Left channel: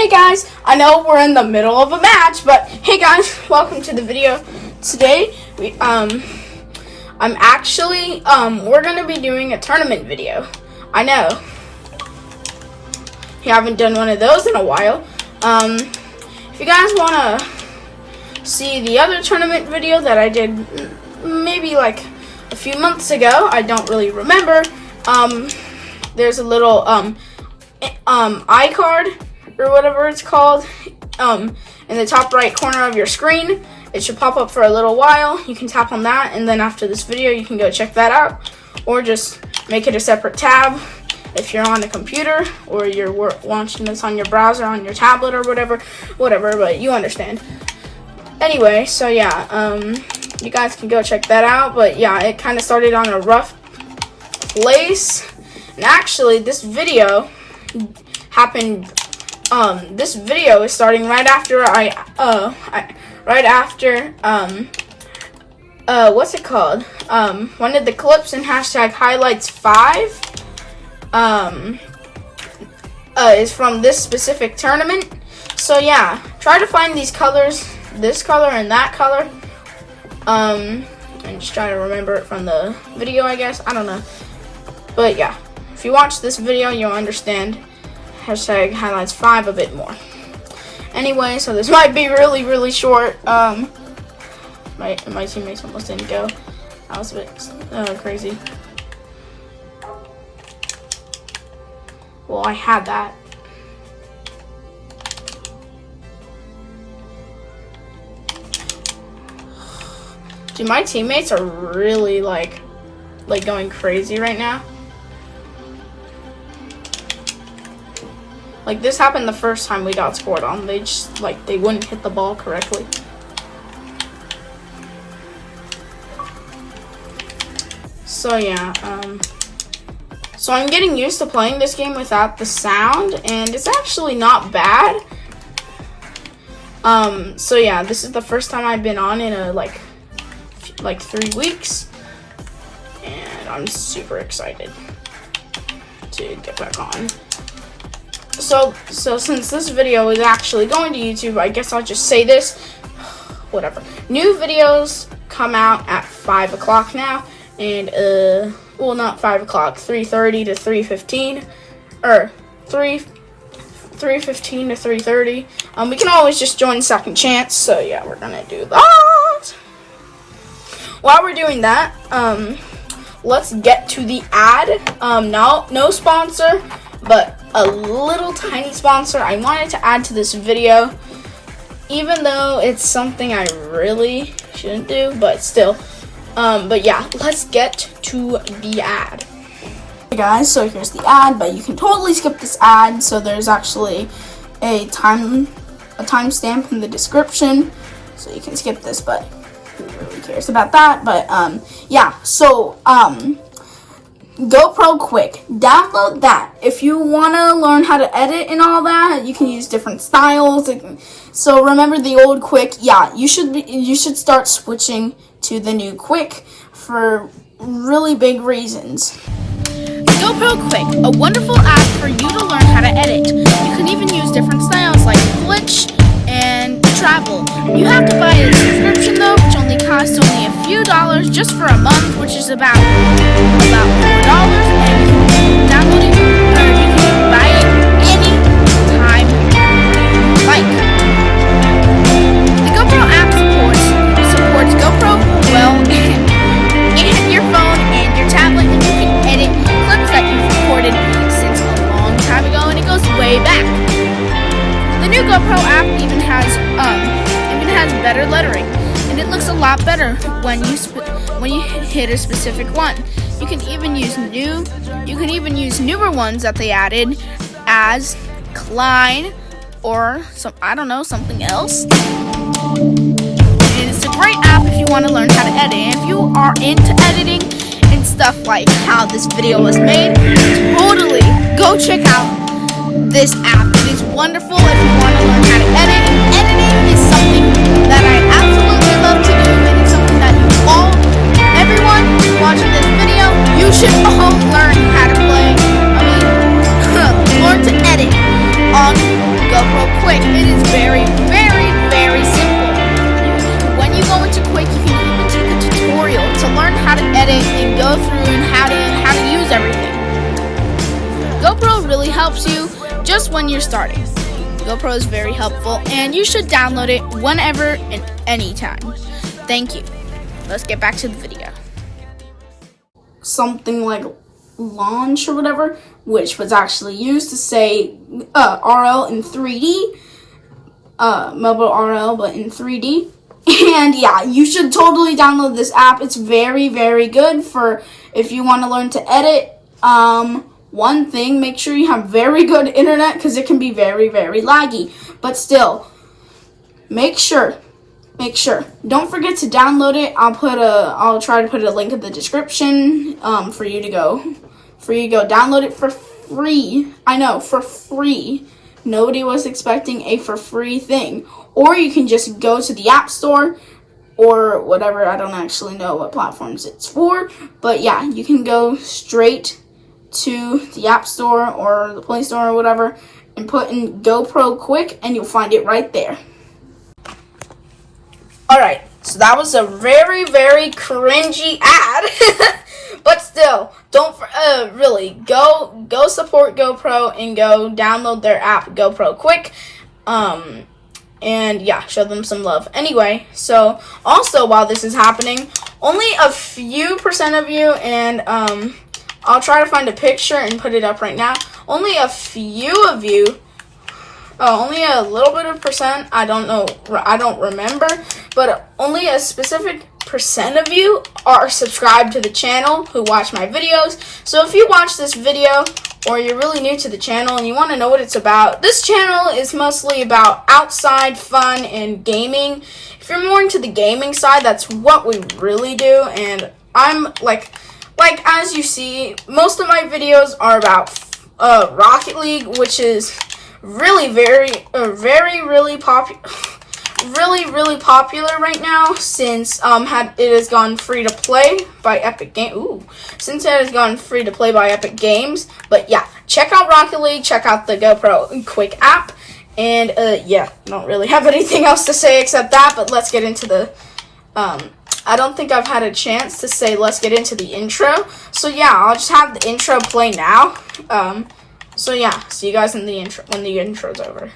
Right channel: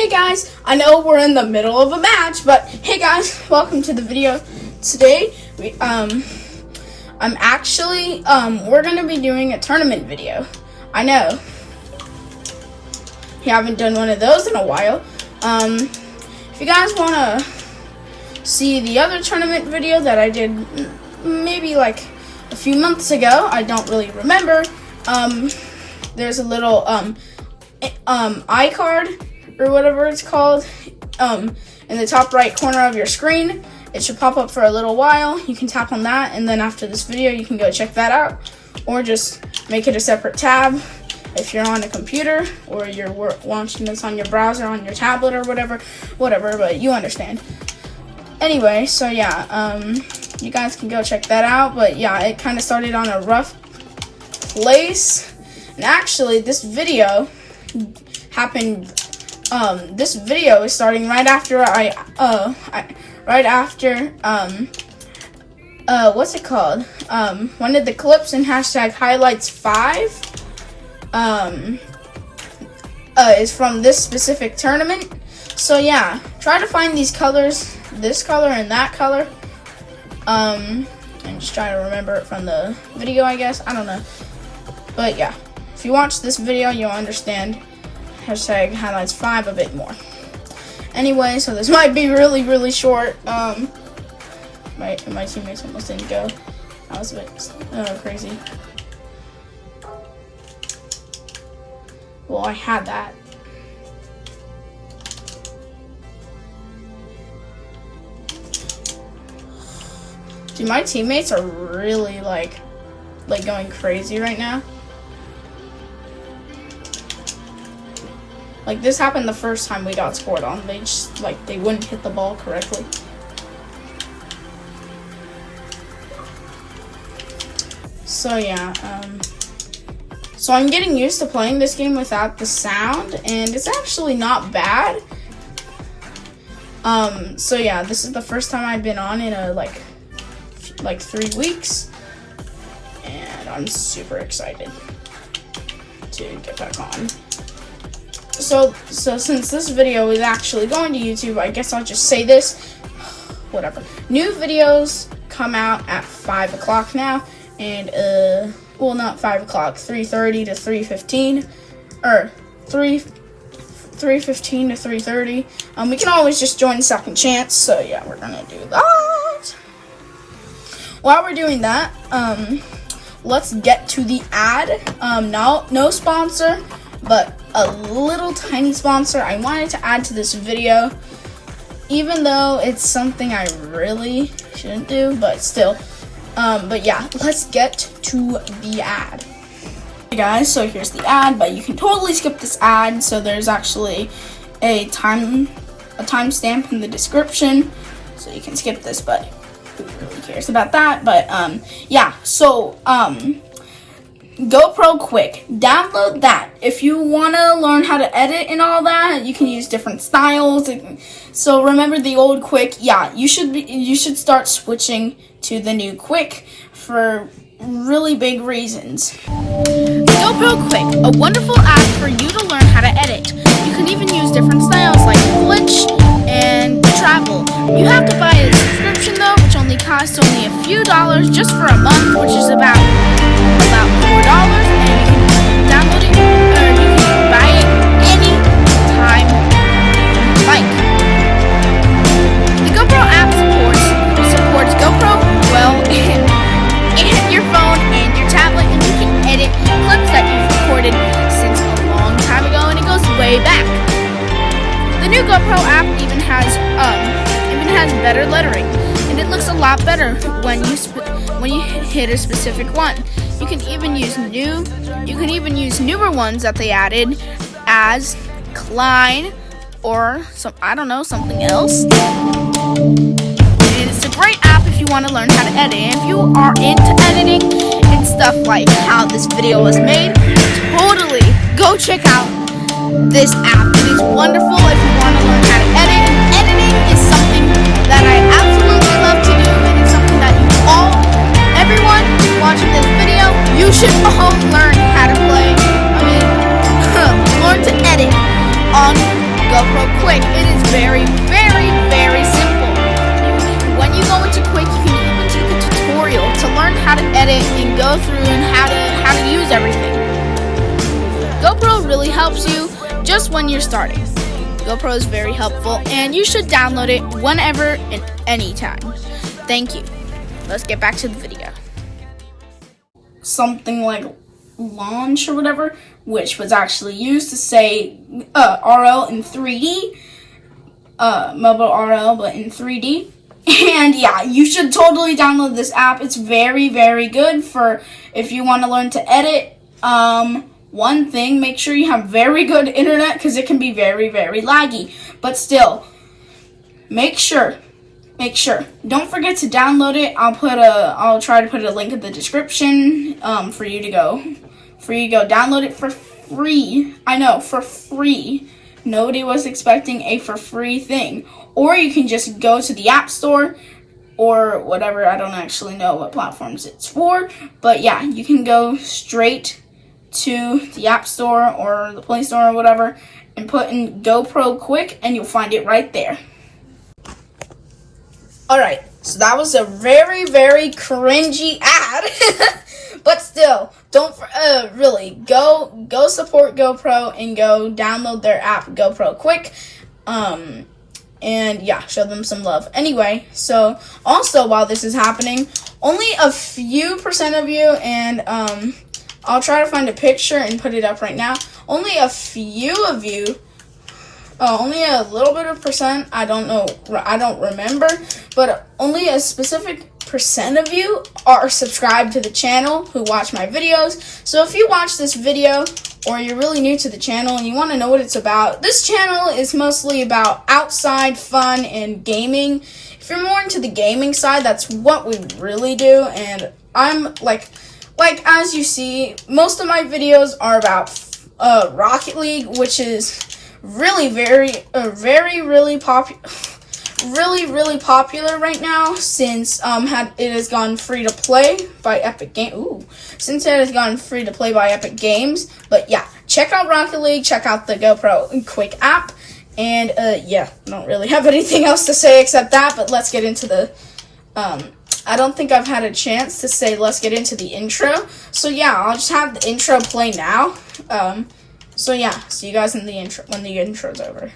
Hey guys, I know we're in the middle of a match, but hey guys, welcome to the video. Today, we're gonna be doing a tournament video. I know, we haven't done one of those in a while. If you guys wanna see the other tournament video that I did maybe like a few months ago, I don't really remember. There's a little iCard or whatever it's called in the top right corner of your screen. It should pop up for a little while. You can tap on that, and then after this video you can go check that out, or just make it a separate tab if you're on a computer or you're watching this on your browser, on your tablet or whatever, but you understand. Anyway, so yeah, you guys can go check that out. But yeah, it kind of started on a rough place, and actually this video happened. This video is starting right after what's it called? One of the clips in #highlights5 is from this specific tournament. So yeah, try to find these colors, this color and that color, and just try to remember it from the video, I guess. I don't know, but yeah, if you watch this video you'll understand #highlights5 a bit more. Anyway, so this might be really short. My teammates almost didn't go. That was a bit crazy. Well, I had that. Dude, my teammates are really like going crazy right now. Like, this happened the first time we got scored on. They just, they wouldn't hit the ball correctly. So yeah, so I'm getting used to playing this game without the sound, and it's actually not bad. So yeah, this is the first time I've been on in a like 3 weeks, and I'm super excited to get back on. So since this video is actually going to YouTube, I guess I'll just say this. Whatever. New videos come out at 5 o'clock now, and well, not 5 o'clock, 3:30 to 3:15, or 3:15 to 3:30. We can always just join Second Chance. So yeah, we're gonna do that. While we're doing that, let's get to the ad. No sponsor, but a little tiny sponsor I wanted to add to this video, even though it's something I really shouldn't do, but still. But yeah, let's get to the ad. Hey guys, so here's the ad, but you can totally skip this ad. So there's actually a timestamp in the description, so you can skip this, but who really cares about that? But yeah, so GoPro Quick, download that. If you want to learn how to edit and all that, you can use different styles. So remember the old Quick? Yeah, you should start switching to the new Quick for really big reasons. GoPro Quick, a wonderful app for you to learn how to edit. You can even use different styles like glitch and travel. You have to buy a subscription though, which only costs only a few dollars just for a month, which is about $4, and you can download it, or you can buy it any time you like. The GoPro app supports GoPro well in your phone and your tablet, and you can edit clips that you've recorded since a long time ago, and it goes way back. The new GoPro app even has better lettering, and it looks a lot better when you hit a specific one. You can even use newer ones that they added as Klein or something else. And it's a great app if you want to learn how to edit. And if you are into editing and stuff like how this video was made, totally go check out this app. It is wonderful if you want to learn how to edit. And editing is something that I absolutely love to do, and it's something that everyone watching this video, you should all learn how to play. Learn to edit on GoPro. GoPro Quick. It is very, very, very simple. When you go into Quick, you can even take a tutorial to learn how to edit and go through and how to use everything. GoPro really helps you just when you're starting. GoPro is very helpful, and you should download it whenever and anytime. Thank you. Let's get back to the video. Something like launch or whatever, which was actually used to say RL in 3D, mobile RL, but in 3D. And yeah, you should totally download this app. It's very, very good for if you want to learn to edit. One thing, make sure you have very good internet because it can be very, very laggy. But still, make sure. Don't forget to download it. I'll try to put a link in the description for you to go download it for free. I know, for free. Nobody was expecting a for free thing. Or you can just go to the App Store or whatever. I don't actually know what platforms it's for. But yeah, you can go straight to the App Store or the Play Store or whatever and put in GoPro Quick and you'll find it right there. Alright, so that was a very, very cringy ad. But still, don't really go support GoPro and go download their app GoPro Quick. And yeah, show them some love. Anyway, so also while this is happening, only a few percent of you, and I'll try to find a picture and put it up right now. Only a few of you, only a little bit of percent, I don't remember, but only a specific percent of you are subscribed to the channel who watch my videos. So if you watch this video or you're really new to the channel and you want to know what it's about, this channel is mostly about outside fun and gaming. If you're more into the gaming side, that's what we really do. And I'm like as you see, most of my videos are about Rocket League, which is really really popular right now since it has gone free to play by Epic Games. But yeah, check out Rocket League, check out the GoPro Quick app, and yeah, I don't really have anything else to say except that. But let's get into the I don't think I've had a chance to say let's get into the intro. So yeah, I'll just have the intro play now. So yeah, see you guys in the intro when the intro's over.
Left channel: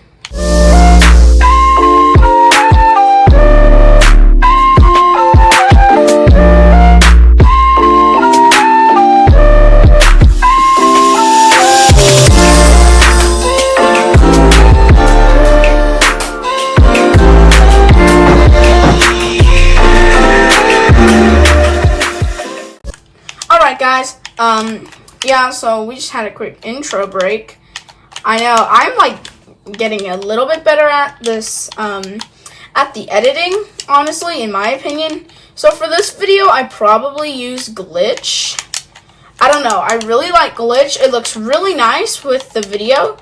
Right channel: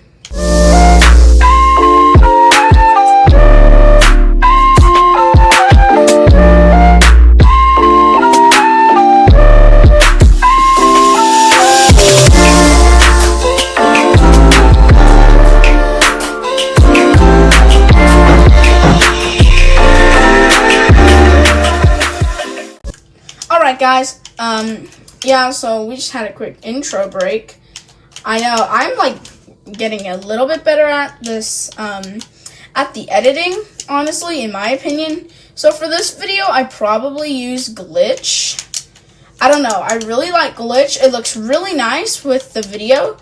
Alright guys, yeah, so we just had a quick intro break. I know, I'm like getting a little bit better at this, at the editing, honestly, in my opinion. So for this video, I probably use Glitch. I don't know, I really like Glitch. It looks really nice with the video,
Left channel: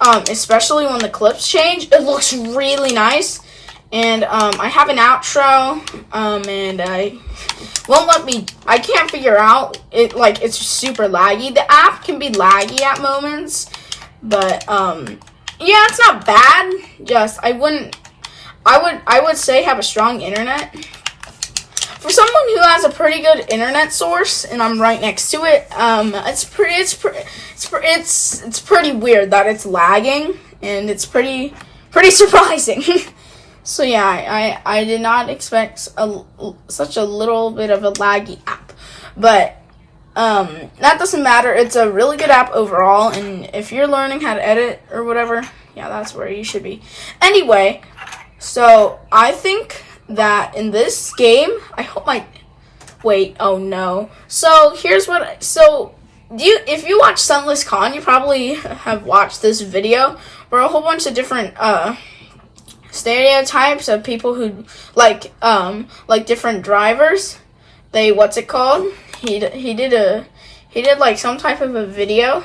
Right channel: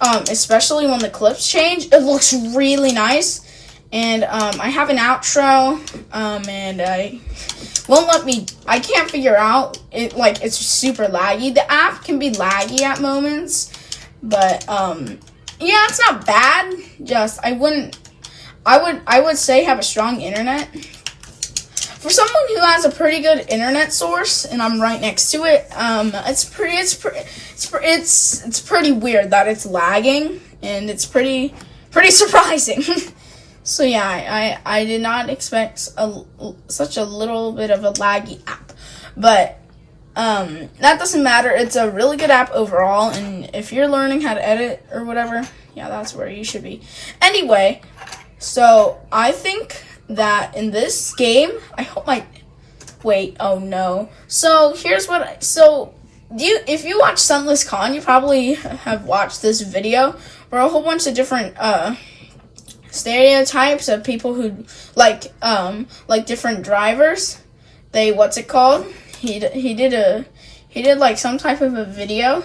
especially when the clips change. It looks really nice. And I have an outro, and I can't figure out it, like it's super laggy. The app can be laggy at moments, but yeah, it's not bad. Just I would say have a strong internet. For someone who has a pretty good internet source, and I'm right next to it, it's pretty weird that it's lagging, and it's pretty surprising. So yeah, I did not expect such a little bit of a laggy app, but that doesn't matter. It's a really good app overall, and if you're learning how to edit or whatever, yeah, that's where you should be. Anyway, so I think that in this game, oh no. So here's what, if you watch Sunless Con, you probably have watched this video where a whole bunch of different, stereotypes of people who like different drivers. He did like some type of a video.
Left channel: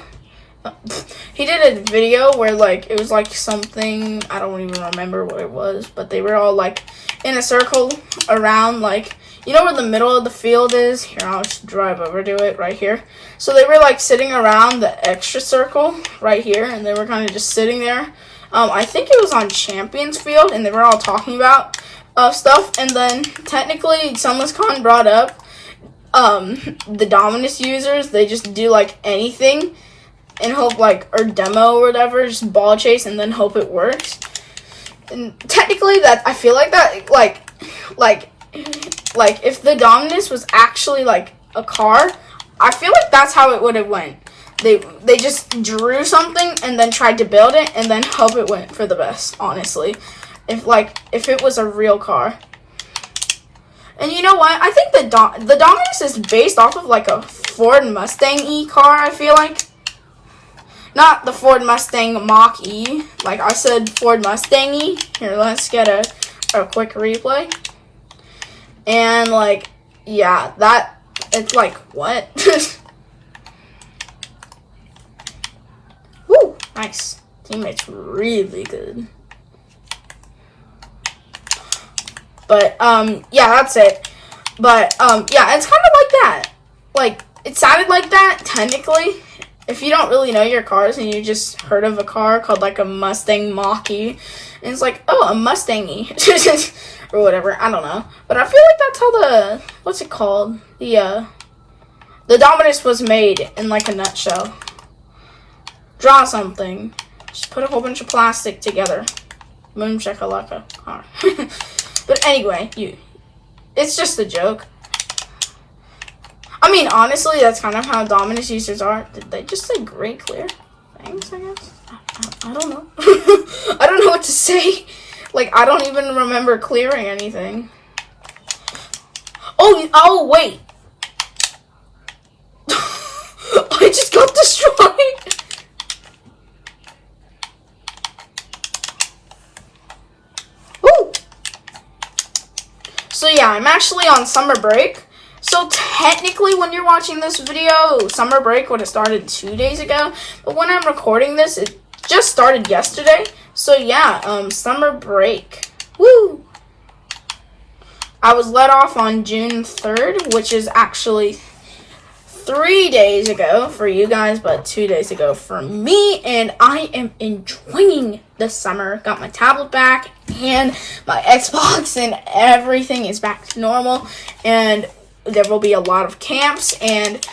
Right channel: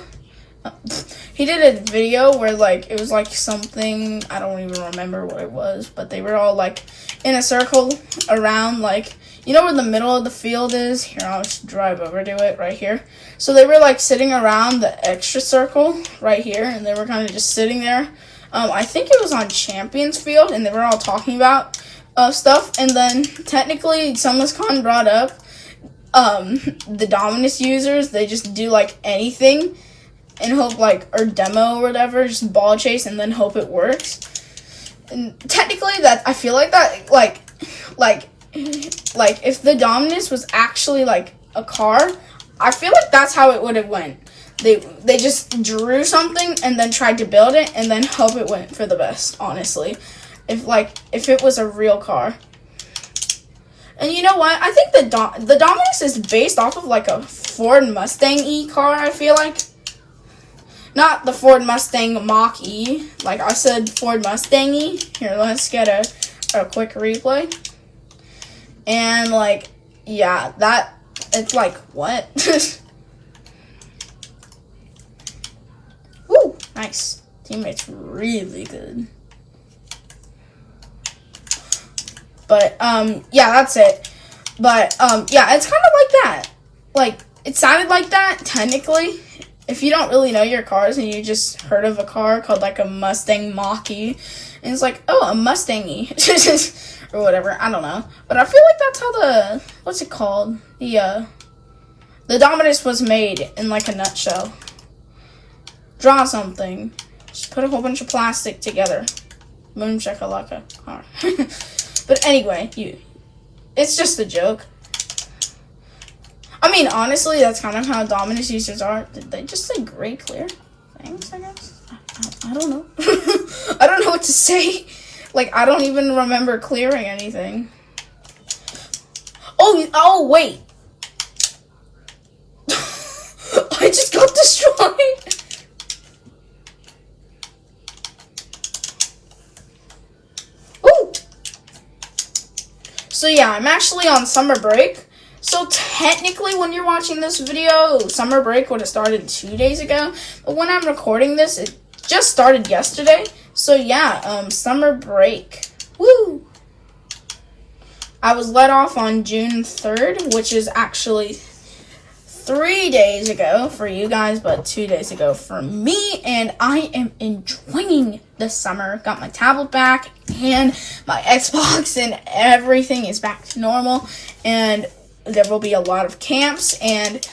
He did a video where like it was like something, I don't even remember what it was, but they were all like in a circle around, like, you know where the middle of the field is? Here, I'll just drive over to it right here. So they were like sitting around the extra circle right here, and they were kind of just sitting there. I think it was on Champions Field, and they were all talking about stuff. And then technically, SummerCon brought up the Dominus users. They just do like anything and hope or demo or whatever, just ball chase and then hope it works. And technically, that I feel like that like if the Dominus was actually like a car, I feel like that's how it would have went. They just drew something and then tried to build it and then hope it went for the best, honestly. If it was a real car. And you know what? I think the Dominus is based off of like a Ford Mustang-E car, I feel like. Not the Ford Mustang Mach-E. Like I said, Ford Mustang-E. Here, let's get a quick replay. And yeah, it's like, what? Woo, nice. Teammate's really good. But, yeah, that's it. But, yeah, it's kind of like that. It sounded like that, technically. If you don't really know your cars and you just heard of a car called, a Mustang Mach-E, and it's like, oh, a Mustang-E, or whatever, I don't know. But I feel like that's how what's it called? The Dominus was made in, a nutshell. Draw something. Just put a whole bunch of plastic together. Moon shakalaka. But anyway, it's just a joke. I mean, honestly, that's kind of how Dominus users are. Did they just say gray clear? Thanks, I guess. I don't know. I don't know what to say. I don't even remember clearing anything. Oh, wait. I just got destroyed. Ooh. So yeah, I'm actually on summer break. So technically, when you're watching this video, summer break would have started 2 days ago. But when I'm recording this, it just started yesterday. So yeah, summer break. Woo! I was let off on June 3rd, which is actually 3 days ago for you guys, but 2 days ago for me. And I am enjoying the summer. Got my tablet back and my Xbox, and everything is back to normal. And there will be a lot of camps, and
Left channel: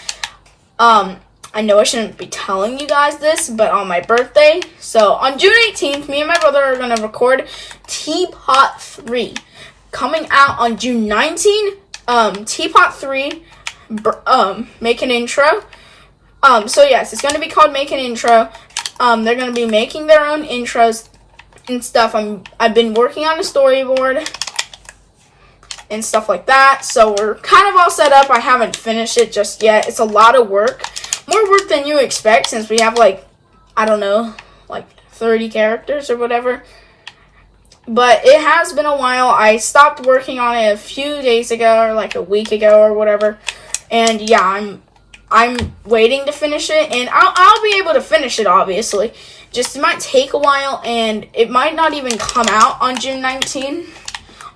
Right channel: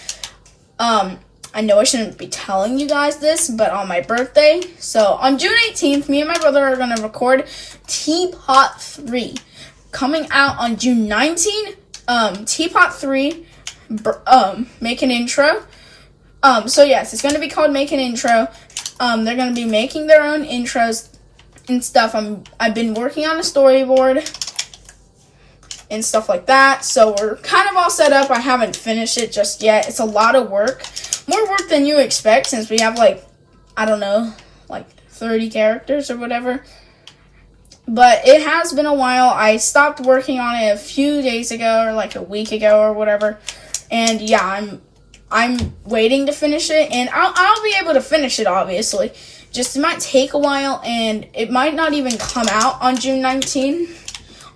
I know I shouldn't be telling you guys this, but on my birthday, so on June 18th, me and my brother are going to record Teapot 3. Coming out on June 19th, Teapot 3, make an intro. So yes, it's going to be called Make an Intro. They're going to be making their own intros and stuff. I've been working on a storyboard and stuff like that, so we're kind of all set up. I haven't finished it just yet. It's a lot of work. More work than you expect, since we have I don't know, 30 characters or whatever. But it has been a while. I stopped working on it a few days ago, or a week ago or whatever. And yeah, I'm waiting to finish it, and I'll be able to finish it, obviously. Just it might take a while, and it might not even come out on June 19th.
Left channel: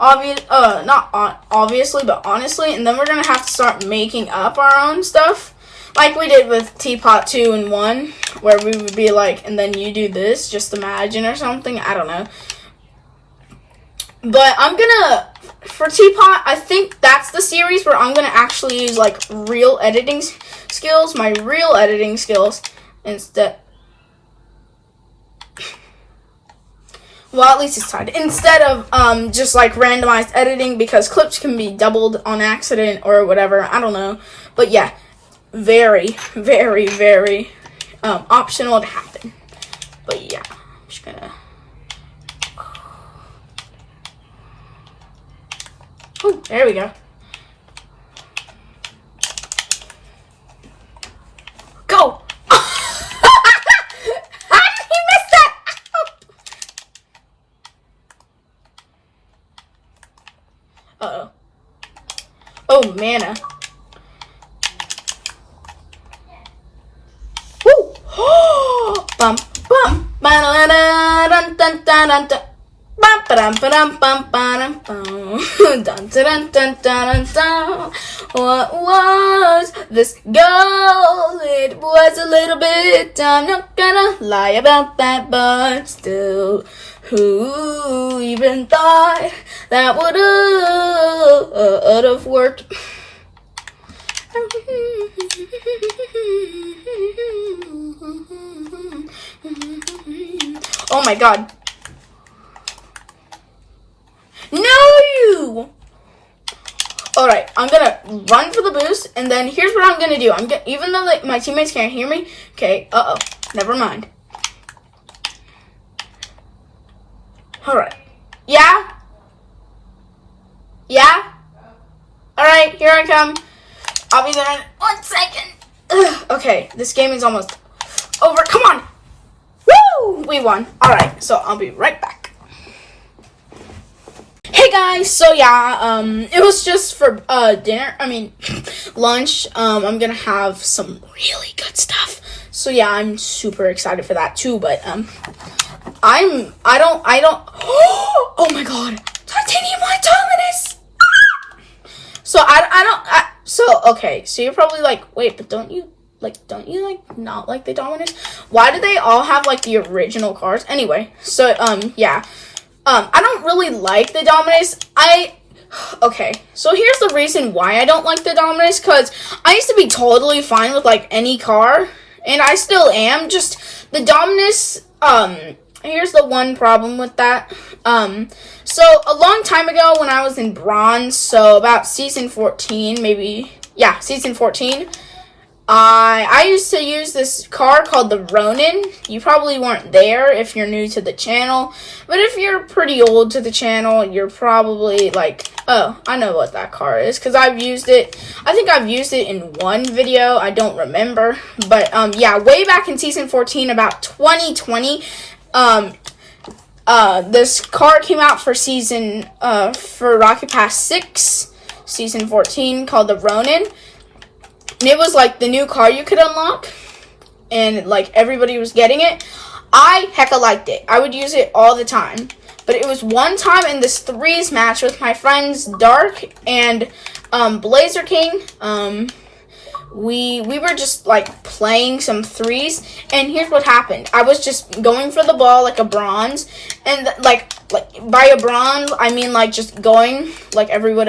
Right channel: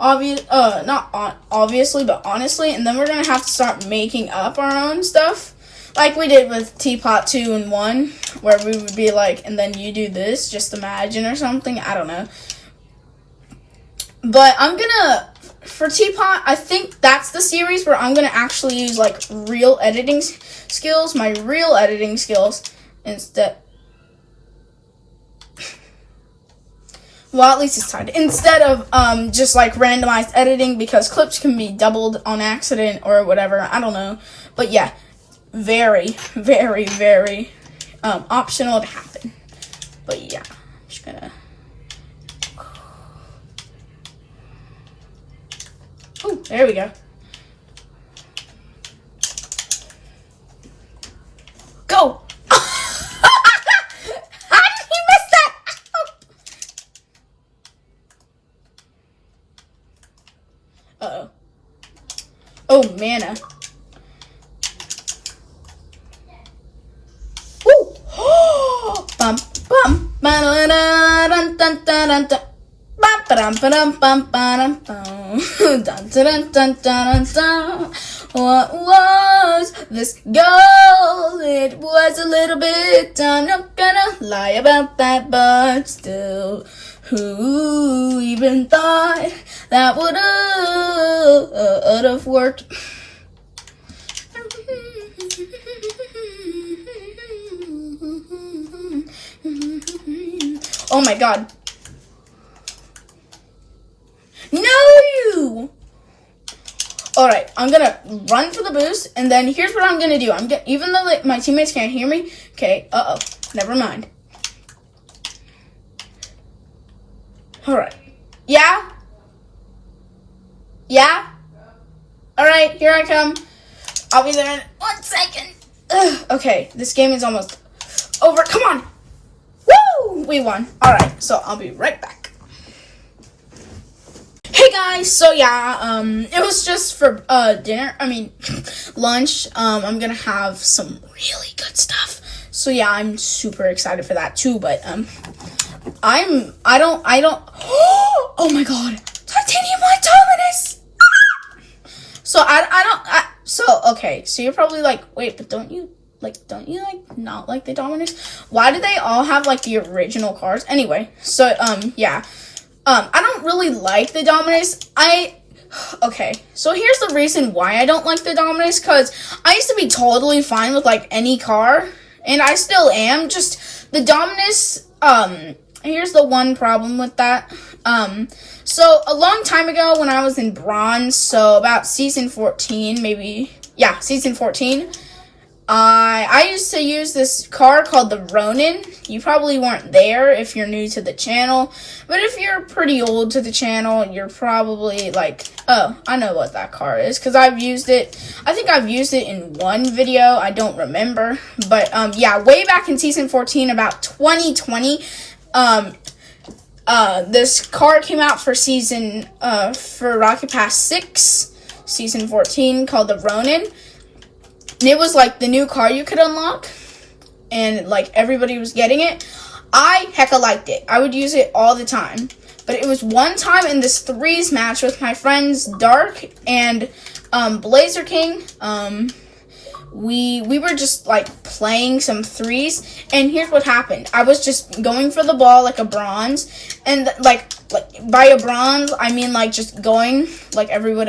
Not obviously, but honestly, and then we're gonna have to start making up our own stuff, like we did with Teapot 2 and 1, where we would be and then you do this, just imagine, or something, I don't know. But I'm gonna, for Teapot, I think that's the series where I'm gonna actually use real editing skills, my real editing skills, instead. Well, at least it's tied. Instead of just randomized editing, because clips can be doubled on accident or whatever. I don't know. But yeah, very, very, very optional to happen. But yeah, I'm just gonna. Oh, there we go. Go! Uh-oh. Oh, mana. Woo! Bum, bum. Ba-da-da-dun, dun, dun, dun, dun. What was this girl? It was a little bit. I'm not gonna lie about that, but still, who even thought that would have worked? Oh my god. No! Alright, I'm gonna run for the boost, and then here's what I'm gonna do. Even though my teammates can't hear me, okay, never mind. Alright. Yeah? Yeah? Alright, here I come. I'll be there in 1 second. Ugh, okay, this game is almost over. Come on! Woo! We won. Alright, so I'll be right back. Hey guys, so yeah, it was just for dinner, lunch. I'm gonna have some really good stuff. So yeah, I'm super excited for that too, but I don't oh my god, titanium white dominus. Okay, so you're probably like, wait, but don't you not like the dominus? Why do they all have like the original cars? Anyway, so yeah. I don't really like the Dominus. Okay, so here's the reason why I don't like the Dominus, because I used to be totally fine with, like, any car, and I still am, just the Dominus, here's the one problem with that. So a long time ago when I was in Bronze, so about season 14, season 14, I used to use this car called the Ronin. You probably weren't there if you're new to the channel, but if you're pretty old to the channel, you're probably like, oh, I know what that car is, because I've used it. I think I've used it in one video. I don't remember, but yeah, way back in season 14, about 2020, this car came out for for Rocket Pass 6, season 14, called the Ronin. And it was like the new car you could unlock, and like everybody was getting it. I hecka liked it. I would use it all the time. But it was one time in this threes match with my friends Dark and Blazer King. We were just like playing some threes, and here's what happened. I was just going for the ball like a bronze, and like by a bronze I mean like just going like everyone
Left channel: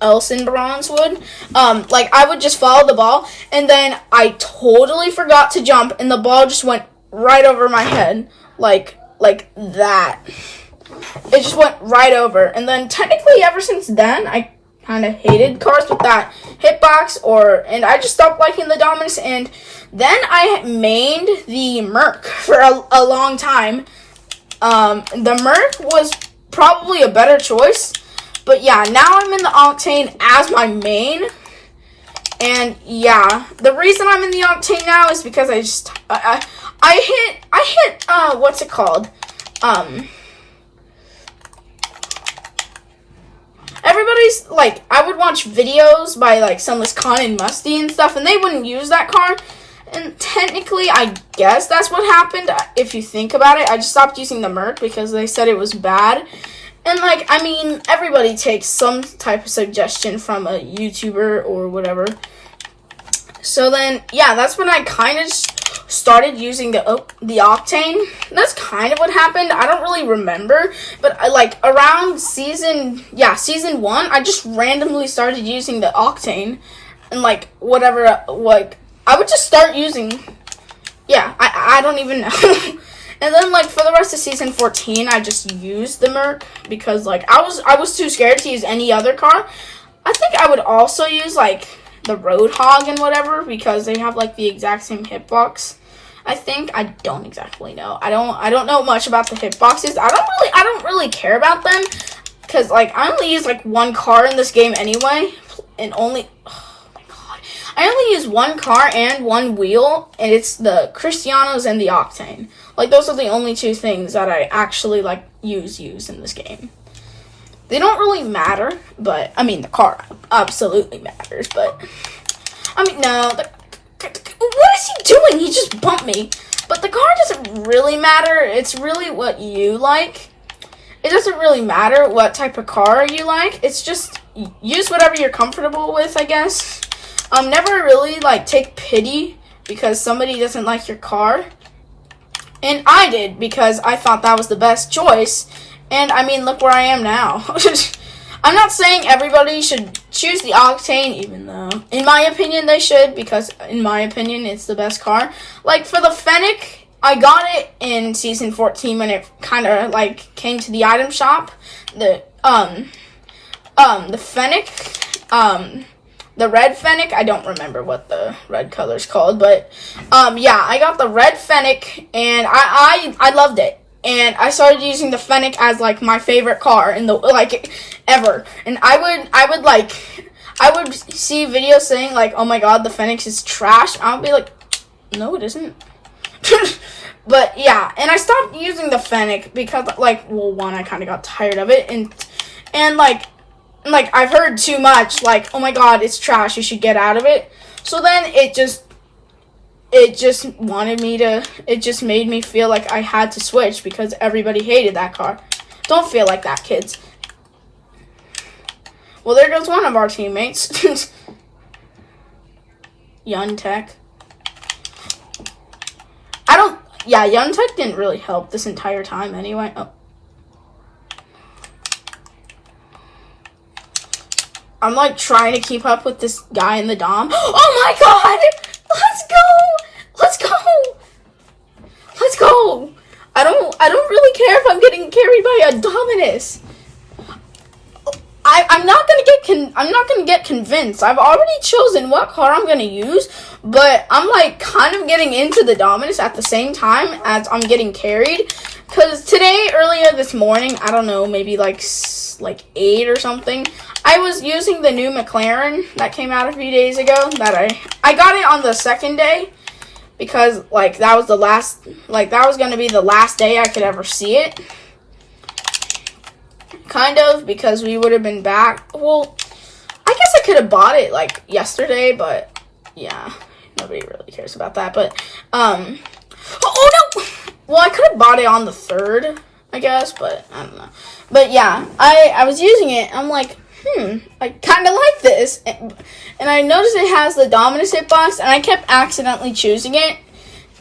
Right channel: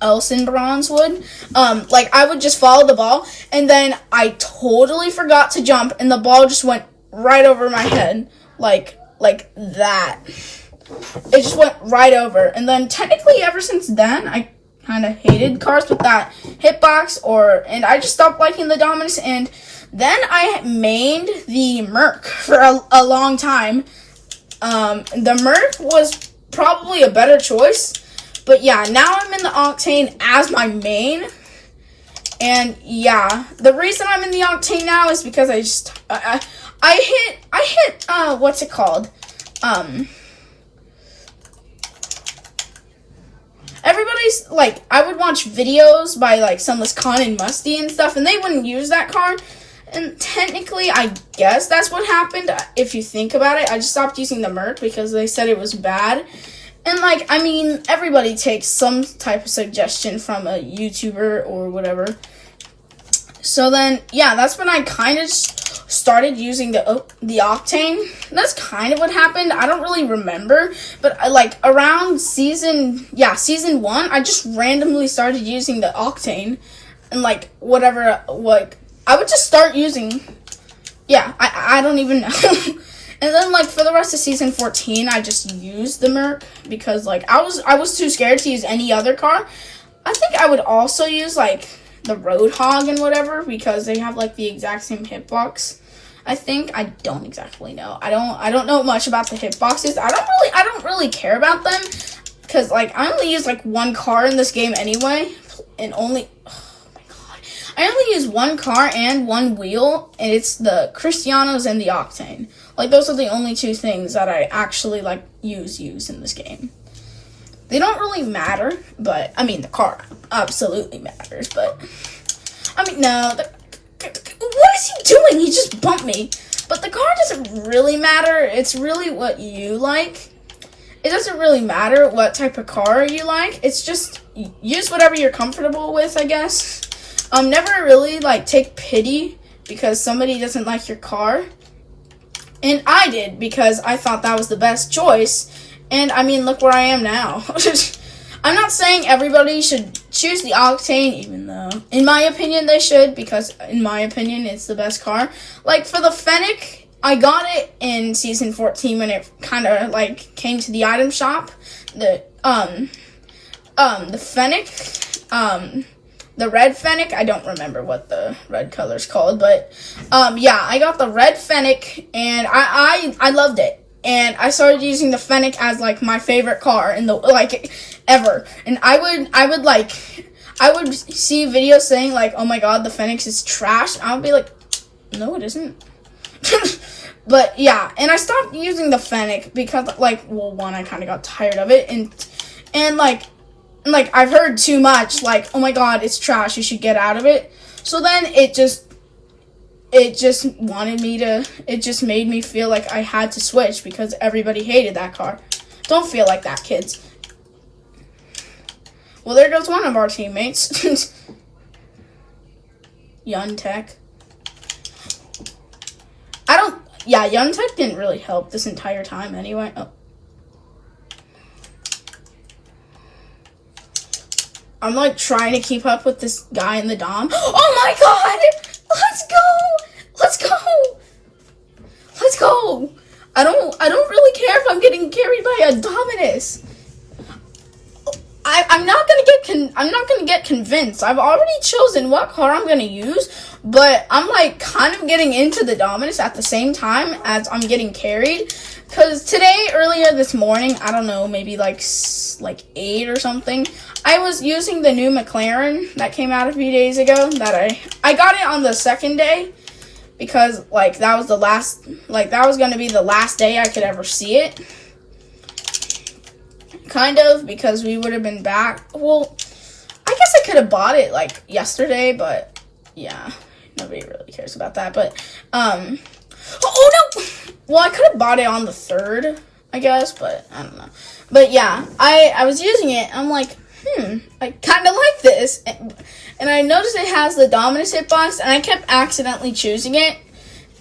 else in Bronze would. Like I would just follow the ball, and then I totally forgot to jump, and the ball just went right over my head, like that. It just went right over, and then technically ever since then I kind of hated cars with that hitbox, and I just stopped liking the Dominus, and then I mained the Merc for a long time. The Merc was probably a better choice. But yeah, now I'm in the Octane as my main, and yeah, the reason I'm in the Octane now is because I hit what's it called? Everybody's like, I would watch videos by like Sunless Khan and Musty and stuff, and they wouldn't use that car. And technically, I guess that's what happened. If you think about it, I just stopped using the Merc because they said it was bad. And, like, I mean, everybody takes some type of suggestion from a YouTuber or whatever. So then, yeah, that's when I kind of started using the Octane. That's kind of what happened. I don't really remember. But, around season 1, I just randomly started using the Octane. And, whatever, I would just start using, I don't even know. And then, for the rest of season 14, I just used the Merc because, I was too scared to use any other car. I think I would also use, the Roadhog and whatever because they have, the exact same hitbox. I think. I don't exactly know. I don't know much about the hitboxes. I don't really care about them because, I only use, one car in this game anyway. And I only use one car and one wheel, and it's the Cristianos and the Octane. Those are the only two things that I actually, use in this game. They don't really matter, but, the car absolutely matters, but, no. What is he doing? He just bumped me. But the car doesn't really matter. It's really what you like. It doesn't really matter what type of car you like. It's just use whatever you're comfortable with, I guess. Never really like take pity because somebody doesn't like your car. And I did because I thought that was the best choice. And I mean, look where I am now. I'm not saying everybody should choose the Octane, even though, in my opinion, they should, because in my opinion, it's the best car. Like, for the Fennec, I got it in Season 14 when it kind of, like, came to the item shop. The Fennec, the red Fennec, I don't remember what the red color's called, but, yeah, I got the red Fennec, and I loved it. And I started using the Fennec as, like, my favorite car in the, like, ever. And I would see videos saying, like, oh my god, the Fennec is trash. I would be like, no, it isn't. But, yeah. And I stopped using the Fennec because, like, well, one, I kind of got tired of it. And like, I've heard too much, like, oh my god, it's trash. You should get out of it. So then it just made me feel like I had to switch because everybody hated that car. Don't feel like that, kids. Well, there goes one of our teammates. Untech. Untech didn't really help this entire time anyway. Oh. I'm like trying to keep up with this guy in the Dom. Oh my god! Let's go! I don't really care if I'm getting carried by a Dominus. I'm not gonna get convinced. I've already chosen what car I'm gonna use, but I'm like kind of getting into the Dominus at the same time as I'm getting carried. Cause earlier this morning, I don't know, maybe like 8 or something, I was using the new McLaren that came out a few days ago. That I got it on the second day. Because, like, that was going to be the last day I could ever see it. Kind of, because we would have been back. Well, I guess I could have bought it, like, yesterday, but, yeah. Nobody really cares about that, but, oh, no! Well, I could have bought it on the 3rd, I guess, but, I don't know. But, yeah, I was using it, I'm like, I kind of like this. And I noticed it has the Dominus hitbox, and I kept accidentally choosing it.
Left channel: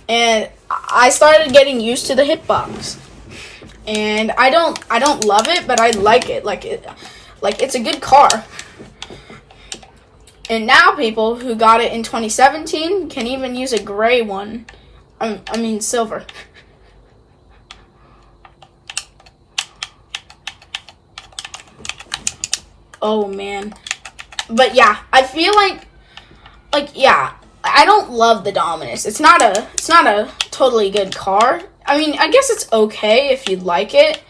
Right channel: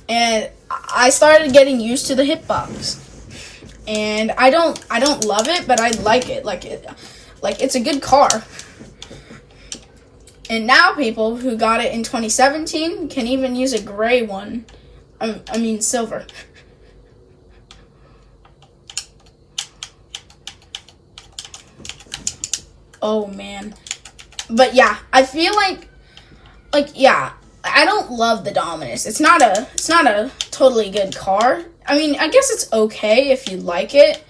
And I started getting used to the hitbox. And I don't love it, but I like it. Like it's a good car. And now people who got it in 2017 can even use a gray one. I mean silver. Oh man. But yeah, I feel like yeah, I don't love the Dominus. It's not a totally good car. I mean, I guess it's okay if you like it.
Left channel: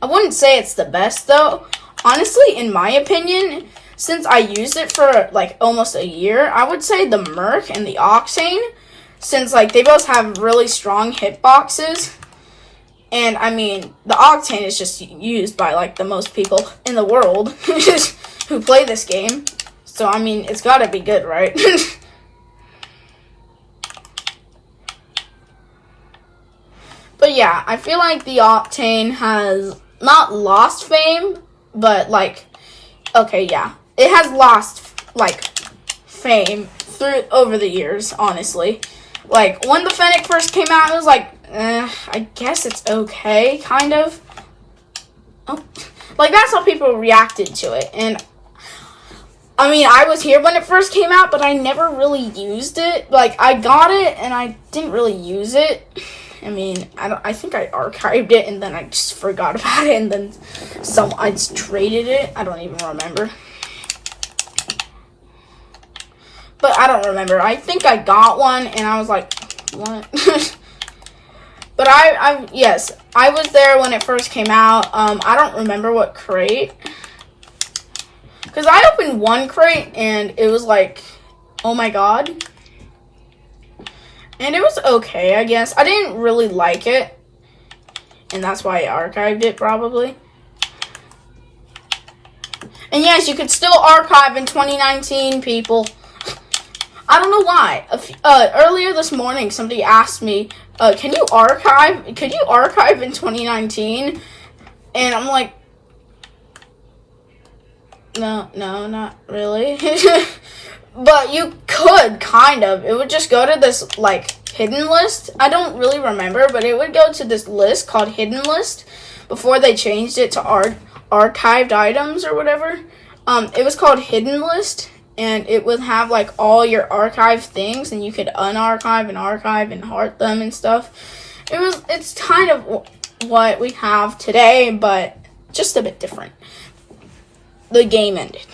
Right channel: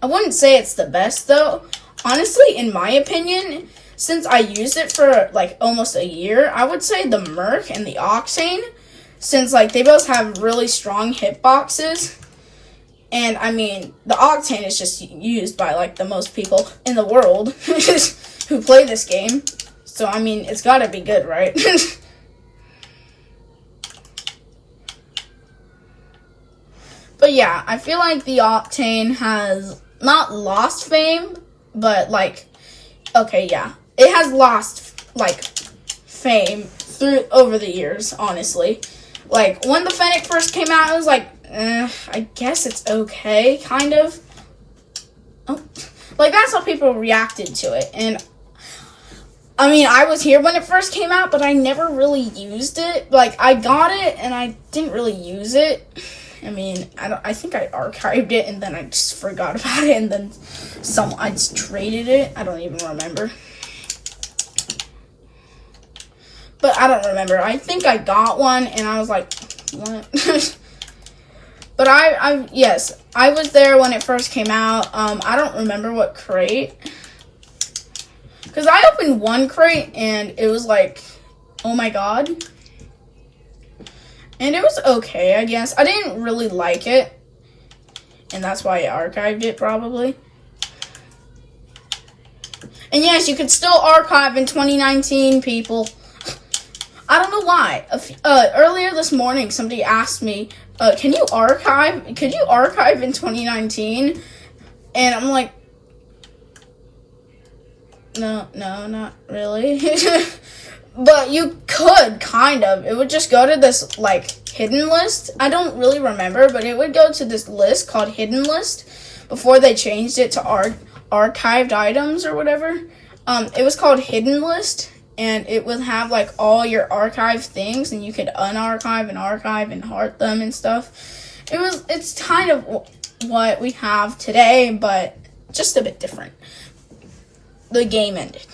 I wouldn't say it's the best though. Honestly, in my opinion, since I used it for like almost a year, I would say the Merc and the Octane, since like they both have really strong hitboxes. And I mean, the Octane is just used by like the most people in the world who play this game. So I mean, it's gotta be good, right? But yeah, I feel like the Octane has not lost fame, but like, okay, yeah. It has lost like fame over the years, honestly. Like when the Fennec first came out, it was like, I guess it's okay, kind of. Oh, like that's how people reacted to it. And I mean, I was here when it first came out, but I never really used it. Like I got it and I didn't really use it. I mean, I think I archived it and then I just forgot about it, and then I just traded it. I don't even remember. But I don't remember. I think I got one and I was like, what? But yes, I was there when it first came out. I don't remember what crate. Because I opened one crate and it was like, oh my god. And it was okay, I guess. I didn't really like it. And that's why I archived it, probably. And yes, you can still archive in 2019, people. I don't know why. Earlier this morning, somebody asked me, "Could you archive in 2019?" And I'm like, no, not really. But you could, kind of. It would just go to this, like, hidden list. I don't really remember, but it would go to this list called hidden list before they changed it to archived items or whatever. It was called hidden list, and it would have, like, all your archived things, and you could unarchive and archive and heart them and stuff. It's kind of what we have today, but just a bit different. The game ended.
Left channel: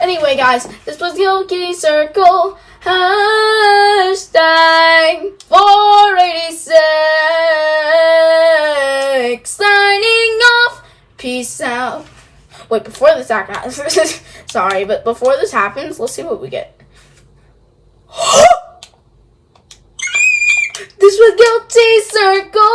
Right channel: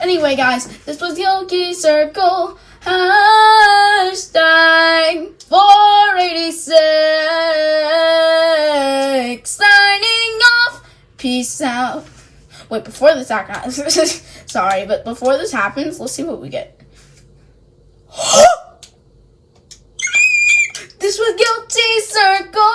Anyway, guys, this was Yogi Circle hashtag 486 signing off. Peace out. Wait, before this happens, sorry, but before this happens, let's see what we get. This was Guilty Circle.